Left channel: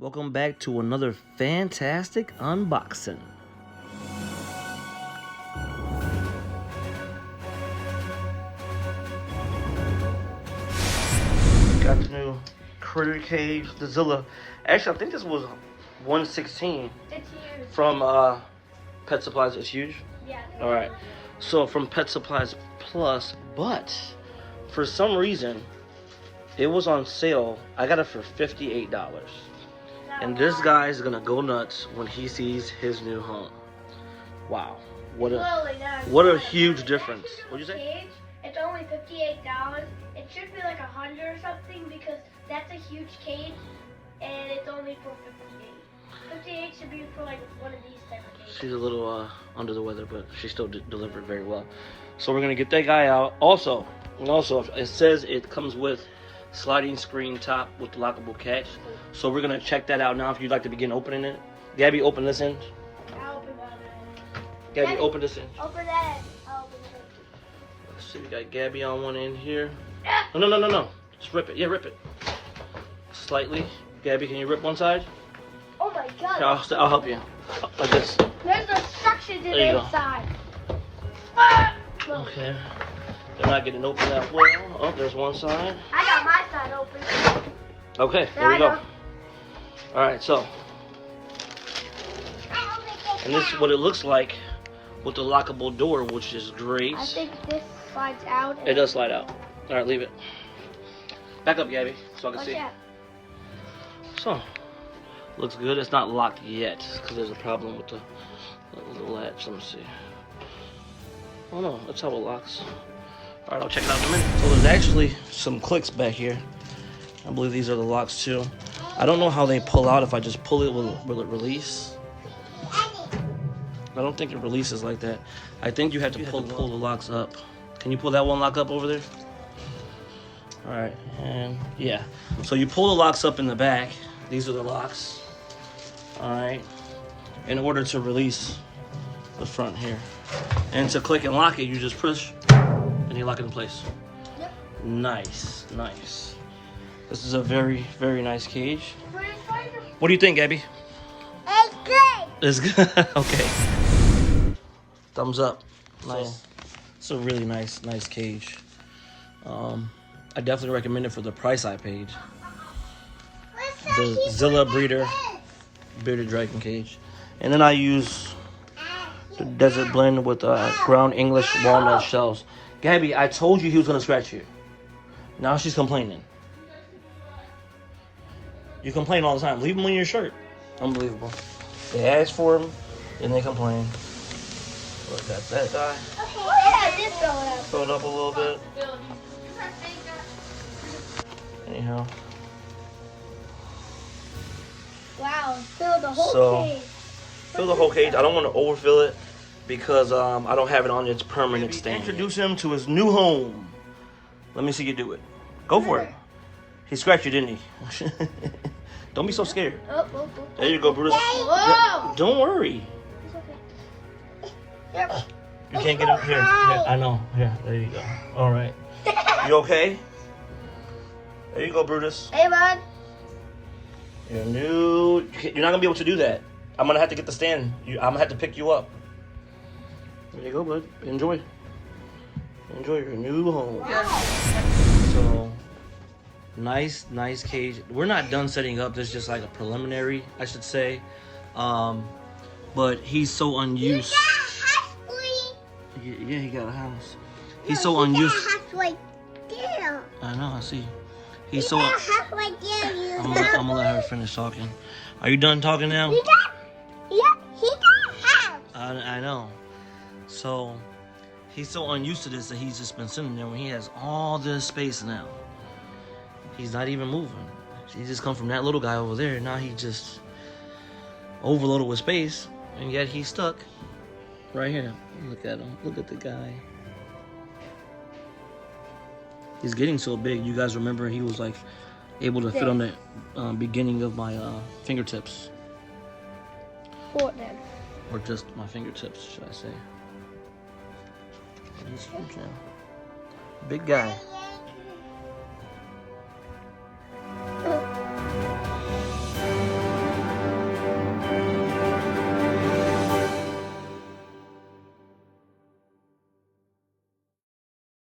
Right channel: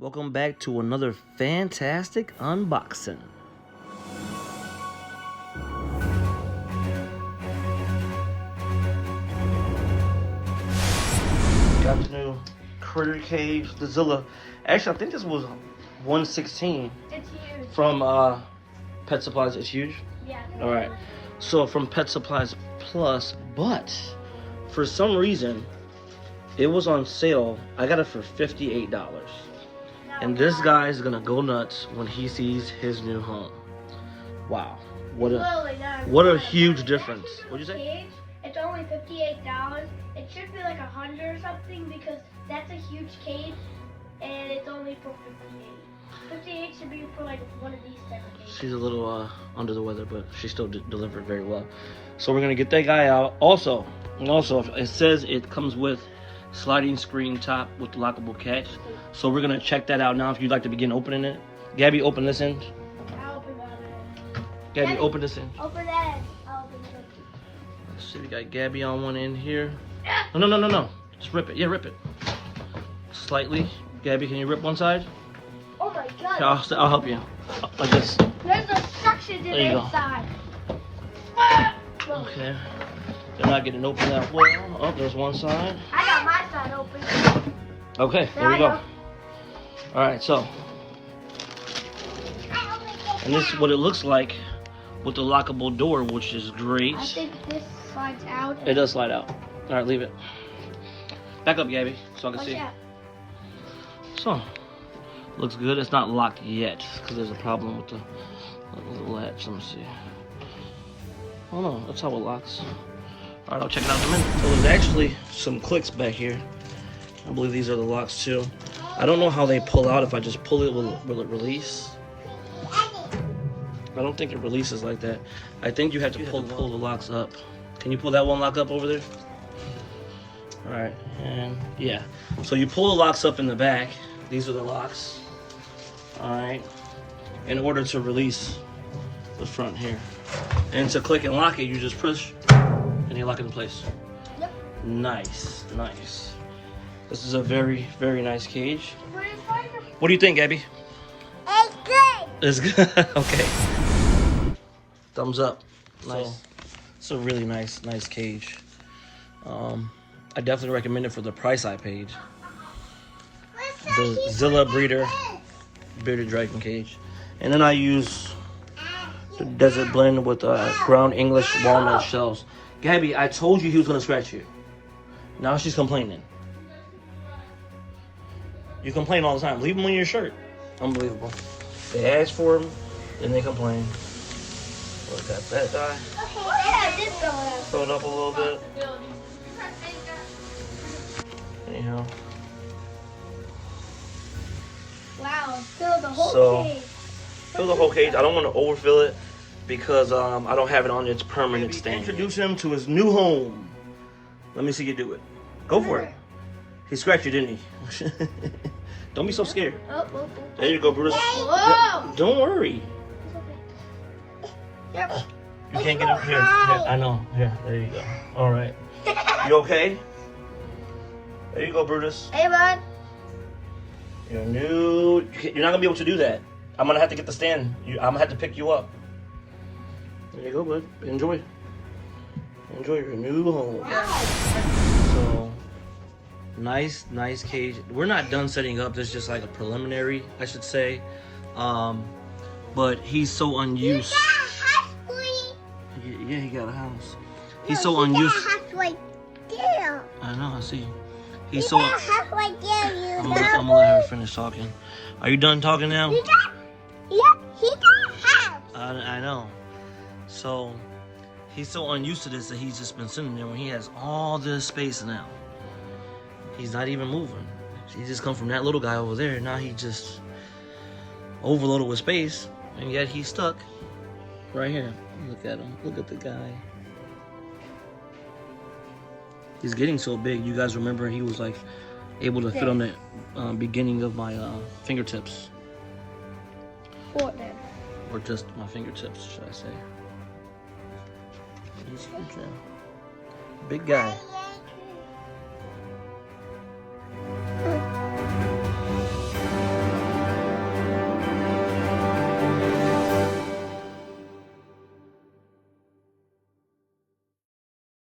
Welcome back to another fantastic unboxing. Got the new critter cage, the Zilla. Actually, I think this was 116 from Pet Supplies. It's huge. Yeah. All right. So from Pet Supplies Plus, but for some reason it was on sale. I got it for $58. And this guy is gonna go nuts when he sees his new home. Wow, what a huge difference. What'd you say? Cage, it's only $58. It should be like 100 or something because that's a huge cage, and it's only for 58. 58 should be for like one of these type of cages. She's a little under the weather, but she still delivered very well. So we're gonna get that guy out. Also, it says it comes with sliding screen top with lockable catch. So we're gonna check that out now. If you'd like to begin opening it, Gabby, open this end. I'll open that end. Gabby, open this end. Open that end. I'll open it. Let's see, we got Gabby on one end here. No. Just rip it. Yeah, rip it. Slightly. Gabby, can you rip one side? Oh my god. Here, I'll help you. Like this. There's a suction in There you go. inside. Okay. They're not getting open that well. Oh, there's one side. I got my side open. Okay, there we go. All right, so. And this is what it looks like with the lockable door, which is great. I think this slides out. It does slide out. All right, leave it. Back up, Gabby, so I can see. Yeah. So, looks good. It's not locked yet because there's a problem with the latch. Let me see. Oh no, that's how it locks. All right, I'll check it out in a minute. So there's actually some clicks back here. I believe these are the locks too. I don't know how they pull out. If I just pull it, will it release? I don't think it releases like that. I think you have to pull the locks up. Can you pull that one lock up over there? All right, and yeah. So you pull the locks up in the back. These are the locks. All right, in order to release the front here. And to click and lock it, you just push and you lock it in place. Yep. Nice. This is a very, very nice cage. What do you think, Gabby? It's good. It's good. Okay. Thumbs up. Nice. It's a really nice cage. I definitely recommend it for the price I paid. The Zilla bearded dragon cage. And then I use the desert blend with ground English walnut shells. Gabby, I told you he was gonna scratch you. Now she's complaining. You complain all the time. Leave them in your shirt. Unbelievable. They ask for them, then they complain. Look at that guy. Fill it up a little bit. Anyhow. Wow, fill the whole cage. Fill the whole cage. I don't want to overfill it because I don't have it on its permanent stand. Introduce him to his new home. Let me see you do it. Go for it. He scratched you, didn't he? Don't be so scared. There you go, Brutus. Whoa. Don't worry. Yep. You can't get up here. I know. Here, there you go. All right. You okay? There you go, Brutus. Hey, bud. You're not gonna be able to do that. I'm gonna have to get the stand. I'm gonna have to pick you up. There you go, bud. Enjoy your new home. So, nice cage. We're not done setting up. This is just like a preliminary, I should say. But he's so unused. Yeah, he got a house. He's so unused. I know. I see. He's so. I'm gonna let her finish talking. Are you done talking now? He got a house. I know. So he's so unused to this that he's just been sitting there when he has all this space now. He's not even moving. He just come from that little guy over there. Now he just overloaded with space, and yet he's stuck right here. Look at him. Look at the guy. He's getting so big. You guys remember he was like able to fit on the beginning of my fingertips. What then? Or just my fingertips, should I say. He's huge now. Big guy.